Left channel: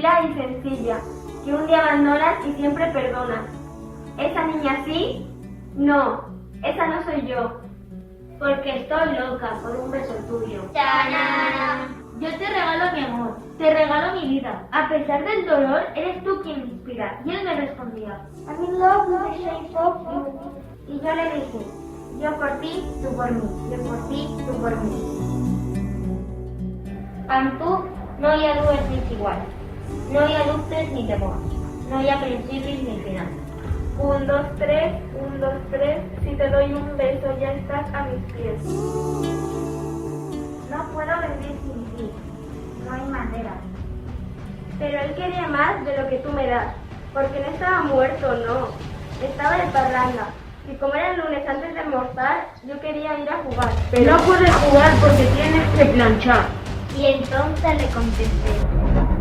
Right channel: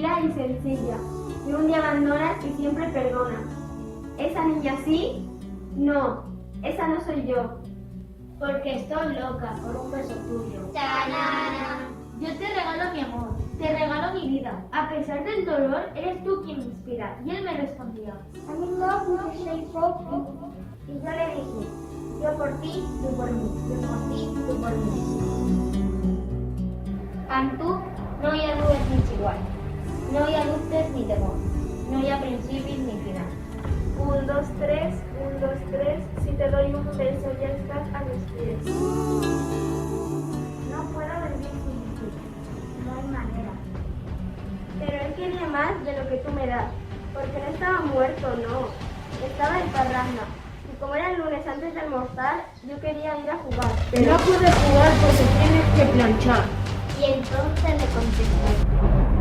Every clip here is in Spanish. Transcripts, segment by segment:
tranquila y sencilla, que un día abandonas y siempre perdonas. ¿Esa niña sí? No, esa no soy yo. Porque estoy loca por un beso tuyo. ¡Tarán! Yo te regalo mi amor, te regalo mi vida. A pesar del dolor, eres tú quien me inspira. Y él me respondía, I'm in love with the shape of you. Y yo le dije, yo por ti, tú por mí, yo por ti, tú por mí. amb tu no hi ha dues nits iguals. No hi ha dubtes ni temor. No hi ha principis ni final. 1, 2, 3, 1, 2, 3, si te doy un beso ya estás a mis pies. No puedo vivir sin ti, no hay manera. Pero él quería más de lo que tú me das, porque no estaba muerto, no, estaba en parranda. Y como era el lunes antes de almorzar, yo quería ir a jugar. No puedes jugar porque tienes que planchar. Y entonces le contesté,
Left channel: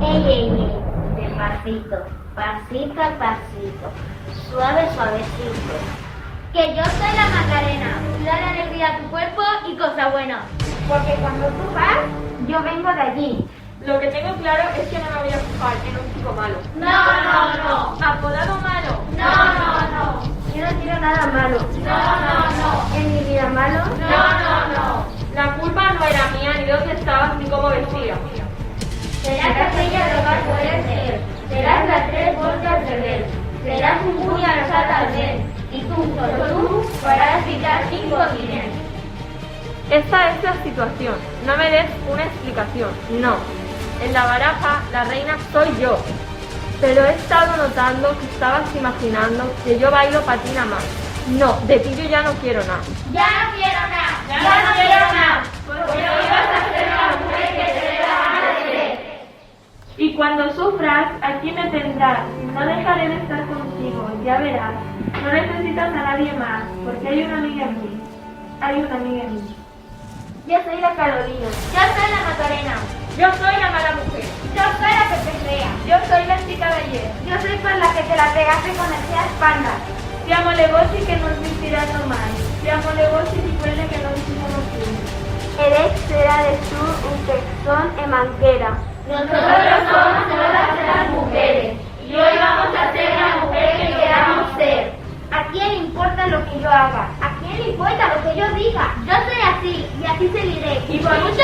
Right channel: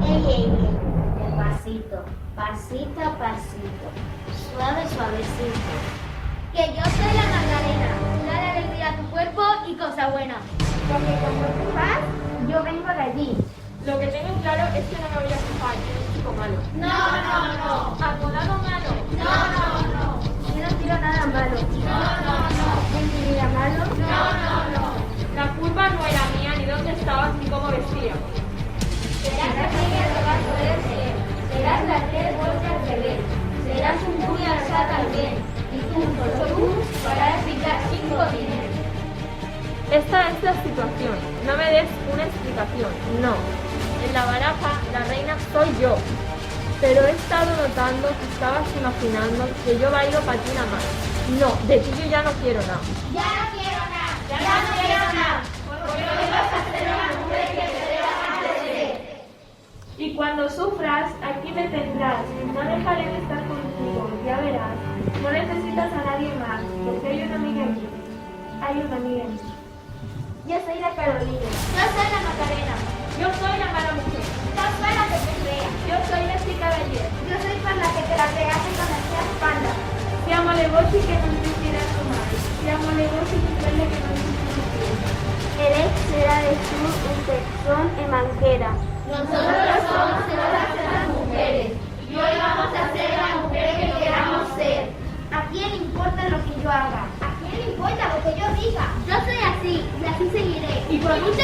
ey, ey, ey, despacito, pasito a pasito, suave, suavecito. Que yo soy la Macarena, dar alegría a tu cuerpo y cosa buena. Porque cuando tú vas, yo vengo de allí. Lo que tengo claro es que no me voy a fijar en un chico malo. No. ¿Apodado malo? No. Yo no quiero nada malo. No. En mi vida malo. No. La culpa no era mía, ni dónde estabas, ni cómo vestía. Serás aquella que más puedes ser. Serás las 3 bolsas de bebé. Serás un puñal también. Y tú, solo tú, podrás picar 5 dinero. Esta es la situación. No me des una explicación. No. En la baraja, la reina soy yo. Pero he estado notando que estabas imaginando que yo bailo patina más. No, de ti yo ya no quiero nada. Ya no quiero nada. Porque no ibas a ser la mujer que te dé la gana de ser. Y cuando sufras, aquí me tendrás. No dejaré de estar contigo, ya verás. No necesitas a nadie más, porque hay una amiga en mí. Hay una amiga en mí. Yo soy la Carolina. Yo soy la Macarena. Yo soy la mala mujer. Yo soy la que pelea. Yo soy la chica de ayer. Yo soy por la que te la pegaste con la espalda. Siamo le voci che non si ispirano mai. Siamo le voci di quelle che non si sono più. Eres será de tú un texón en manquera. Nosotros somos todas las mujeres. Y hoy vamos a ser la mujer que queramos ser. ¿A quién le importa lo que yo haga? ¿A quién le importa lo que yo diga? Yo soy así y así seguiré. Y por mucho